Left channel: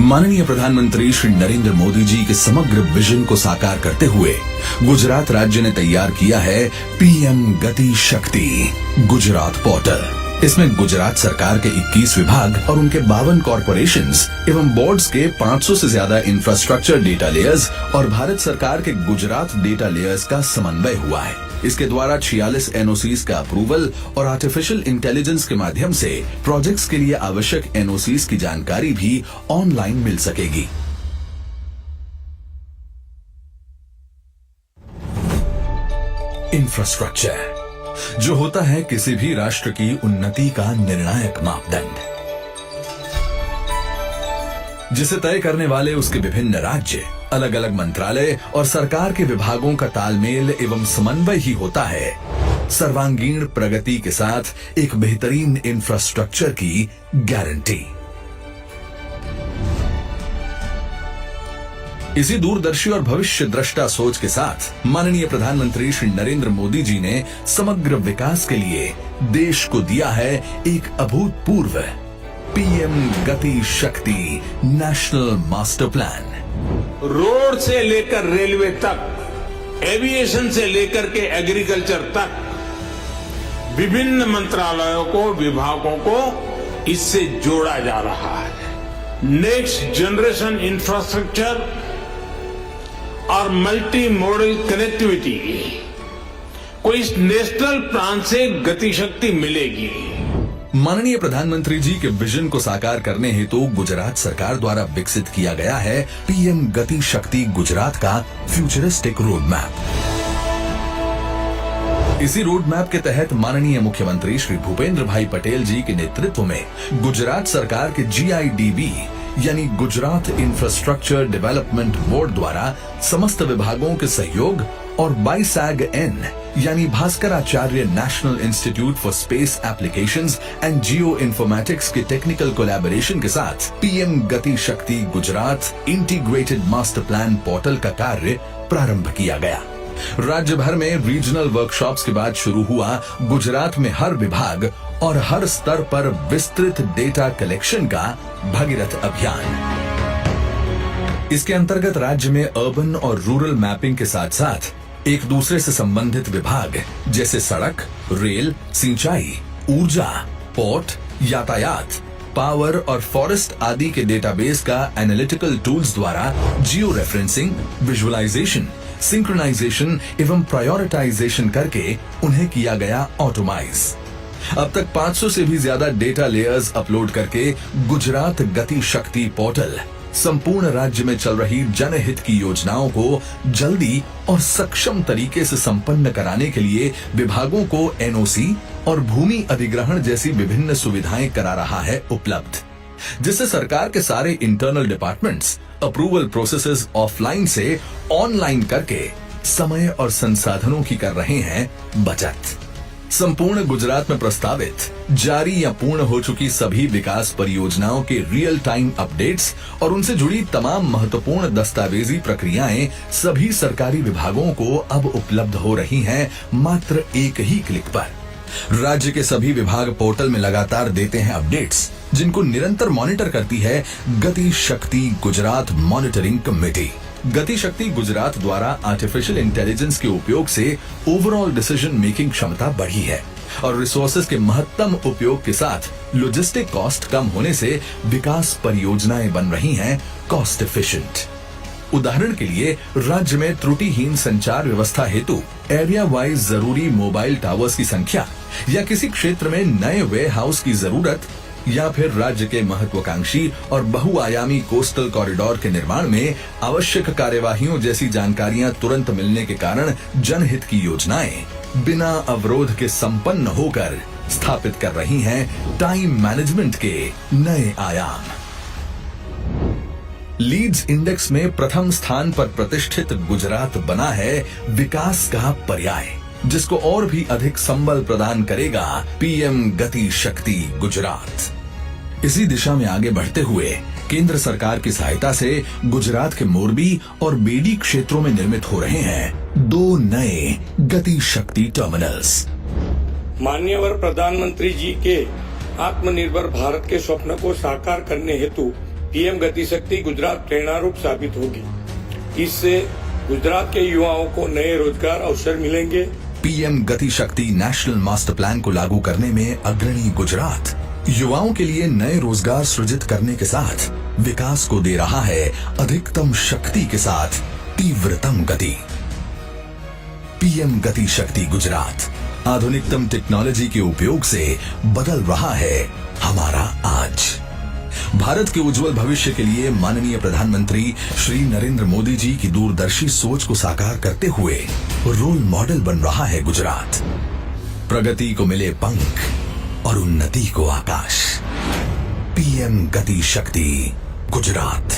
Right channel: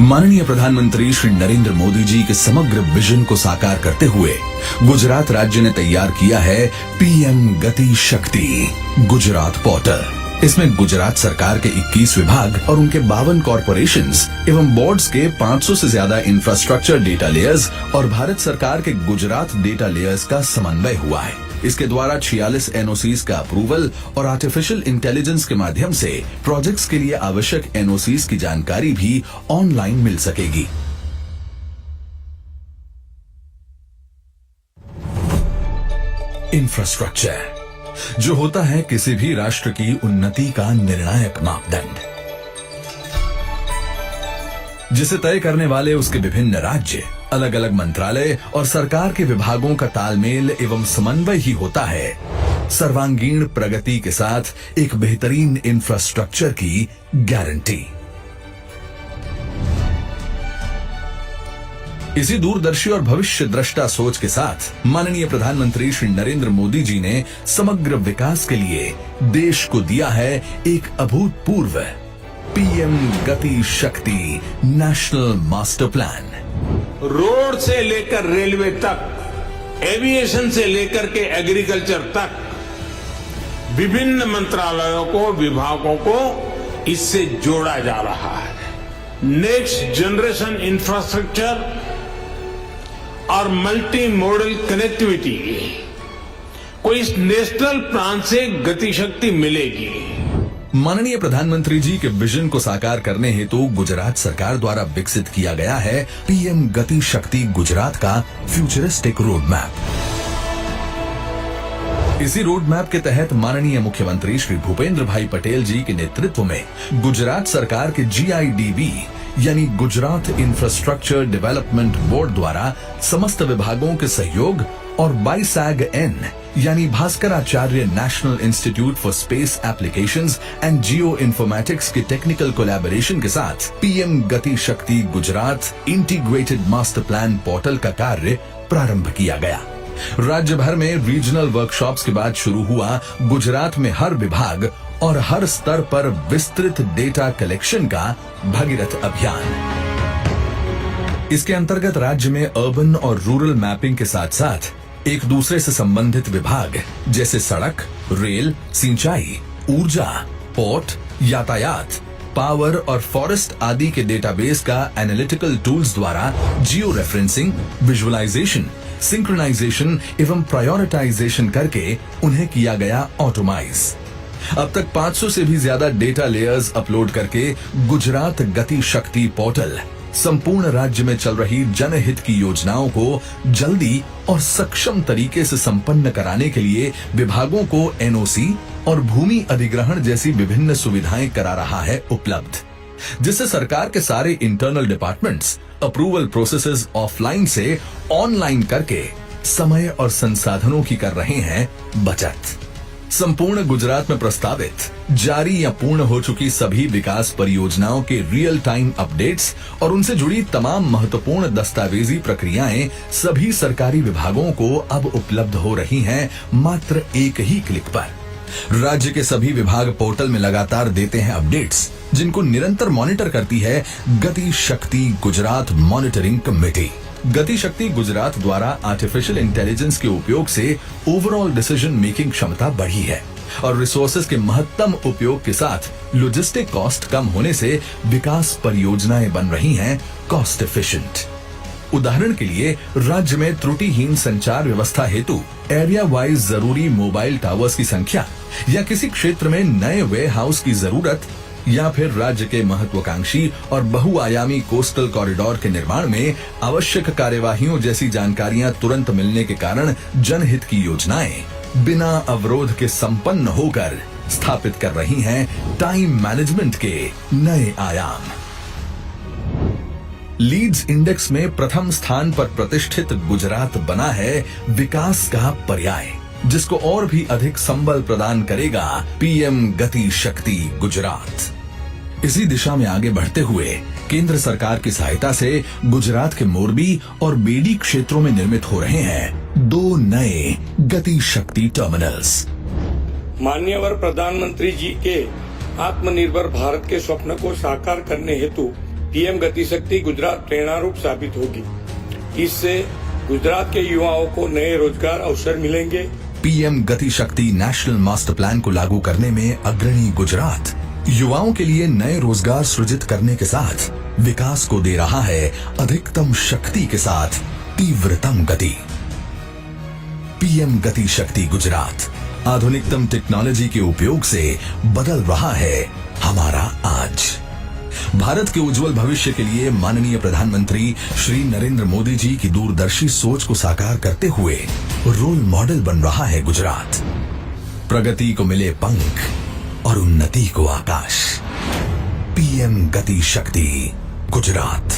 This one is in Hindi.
माननीय प्रधानमंत्री श्री नरेंद्र मोदी जी के समग्र विजन को साकार करते हुए गुजरात राज्य ने तैयार किया है पीएम गति शक्ति गुजरात पोर्टल। इसमें गुजरात सरकार के 21 विभाग और उनके 52 कॉरपोरेशंस एवं बोर्ड्स के 500 से ज्यादा इंफ्रास्ट्रक्चर डेटा लेयर्स और भारत सरकार के गुजरात डेटा लेयर्स का समन्वय हुआ है। इसके द्वारा 46 एनओसीज का अप्रूवल और आर्टिफिशियल इंटेलिजेंस के माध्यम से प्रोजेक्ट्स के लिए आवश्यक एनओसीज की जानकारी भी ऑनलाइन मिल सकेगी। इंफ्रास्ट्रक्चर जो होता है किसी भी राष्ट्र की उन्नति का निर्णायक मापदंड, जिसे तय करने वाले उसके विभिन्न राज्य, अलग अलग मंत्रालय और सरकार के विभागों का तालमेल एवं समन्वय ही होता है सर्वांगीण प्रगति के साथ एक बेहतरीन इंफ्रास्ट्रक्चर की गारंटी। इसी दूरदर्शी और भविष्य दृष्टा सोच के साथ माननीय प्रधानमंत्री श्री नरेंद्र मोदी जी ने समग्र विकास के लिए देश को दिया है एक अभूतपूर्व पीएम गति शक्ति नेशनल मास्टर प्लान। रोड से लेकर रेलवे तक, एविएशन से लेकर के एग्रीकल्चर तक विभिन्न मंत्रालयों को, विभागों को इससे जोड़ा जा रहा है। नेक्स्ट जनरेशन इंफ्रास्ट्रक्चर और मल्टी मॉडल कनेक्टिविटी को इस नेशनल प्लान से गति शक्ति मिलेगी। माननीय प्रधानमंत्री जी के विजन को साकार करने हेतु गुजरात सरकार द्वारा विकसित किया गया है पीएम गति शक्ति गुजरात का फ्यूचरिस्टिक रोड मैप। इसी रोड मैप के तहत माननीय मुख्यमंत्री श्री भूपेंद्र भाई पटेल जी के नेतृत्व में गुजरात सरकार के GIDB यानी गुजरात इंफ्रास्ट्रक्चर डेवलपमेंट बोर्ड द्वारा समस्त विभागों के सहयोग और BISAG-N यानी Bhaskaracharya national institute for space applications and geo informatics के टेक्निकल कोलैबोरेशन के साथ पीएम गति शक्ति Gujarat integrated master plan portal का कार्य प्रारंभ किया गया। राज्य भर में रीजनल वर्कशॉप्स के बाद शुरू हुआ गुजरात में हर विभाग और हर स्तर पर विस्तृत डेटा कलेक्शन का भगीरथ अभियान। इसके अंतर्गत राज्य में अर्बन और रूरल मैपिंग के साथ साथ एक दूसरे से संबंधित विभाग जैसे सड़क, रेल, सिंचाई, ऊर्जा, पोर्ट, यातायात, पावर और फॉरेस्ट आदि के डेटाबेस का एनालिटिकल टूल्स द्वारा जियो रेफरेंसिंग, विजुअलाइजेशन, सिंक्रोनाइजेशन एवं प्रायोरिटाइजेशन करके उन्हें किया गया ऑटोमाइज। अब तक 500 से भी ज्यादा डेटा लेयर्स अपलोड करके गुजरात गति शक्ति पोर्टल संपूर्ण राज्य में चल रही जनहित की योजनाओं को जल्दी और सक्षम तरीके से संपन्न कराने के लिए विभागों को NOC और भूमि अधिग्रहण जैसी विभिन्न सुविधाएं करा रहा है उपलब्ध, जिससे सरकार के सारे internal departments approval processes offline से ऑनलाइन करके समय और संसाधनों की कर रहे हैं बचत। संपूर्ण गुजरात में प्रस्तावित, जारी या पूर्ण हो चुकी सभी विकास परियोजनाओं के रियल टाइम अपडेट्स और उनसे जुड़ी तमाम महत्वपूर्ण दस्तावेजी प्रक्रियाएं सभी सरकारी विभागों को अब उपलब्ध हो रही हैं मात्र एक ही क्लिक पर। राज्य के सभी विभाग पोर्टल में लगातार देते हैं अपडेट्स, जिनको निरंतर मॉनिटर करती है गति शक्ति गुजरात मॉनिटरिंग कमेटी। गति शक्ति गुजरात द्वारा आर्टिफिशियल इंटेलिजेंस के उपयोग से ओवरऑल डिसीजन मेकिंग क्षमता बढ़ी है और रिसोर्सेज के महत्तम उपयोग के साथ लॉजिस्टिक कॉस्ट कम होने से विकास परियोजनाएं बन रही हैं कॉस्ट एफिशिएंट। उदाहरण के लिए राज्य में त्रुटिहीन संचार व्यवस्था हेतु एरिया वाइज जरूरी मोबाइल टावर्स की संख्या या किसी क्षेत्र में नए वेयर हाउस की जरूरत या फिर राज्य के महत्वाकांक्षी और बहुआयामी कोस्टल कॉरिडोर के निर्माण में आवश्यक कार्यवाहियों जैसी जानकारियां तुरंत मिलने के कारण जनहित की योजनाएं बिना अवरोध के संपन्न होकर स्थापित कर रही हैं टाइम मैनेजमेंट के नए आयाम। लीड्स इंडेक्स में प्रथम स्थान पर प्रतिष्ठित गुजरात बना है विकास का पर्याय, जिसको और भी अधिक संबल प्रदान करेगा पीएम गति शक्ति गुजरात। इसी दिशा में आगे बढ़ते हुए केंद्र सरकार की सहायता से गुजरात के मोरबी और बेडी क्षेत्रों में निर्मित हो रहे हैं 2 नए गति शक्ति टर्मिनल्स। माननीय प्रधानमंत्री जी के आत्मनिर्भर भारत के स्वप्न को साकार करने हेतु पीएम गति शक्ति गुजरात प्रेरणारूप साबित होगी। इससे गुजरात के युवाओं को नए रोजगार अवसर मिलेंगे। पीएम गति शक्ति नेशनल मास्टर प्लान को लागू करने में अग्रणी गुजरात युवाओं के लिए नए रोजगार सृजित करने के साथ विकास को दे रहा है अधिकतम शक्ति के साथ तीव्रतम गति। पीएम गति शक्ति गुजरात आधुनिकतम टेक्नोलॉजी के उपयोग से बदल रहा है हमारा आज। भारत के उज्जवल भविष्य के लिए माननीय प्रधानमंत्री श्री नरेंद्र मोदी जी की दूरदर्शी सोच को साकार करते हुए रोल मॉडल बन रहा है गुजरात। प्रगति को मिले पंख और उन्नति को आकाश। पीएम गति शक्ति गुजरात।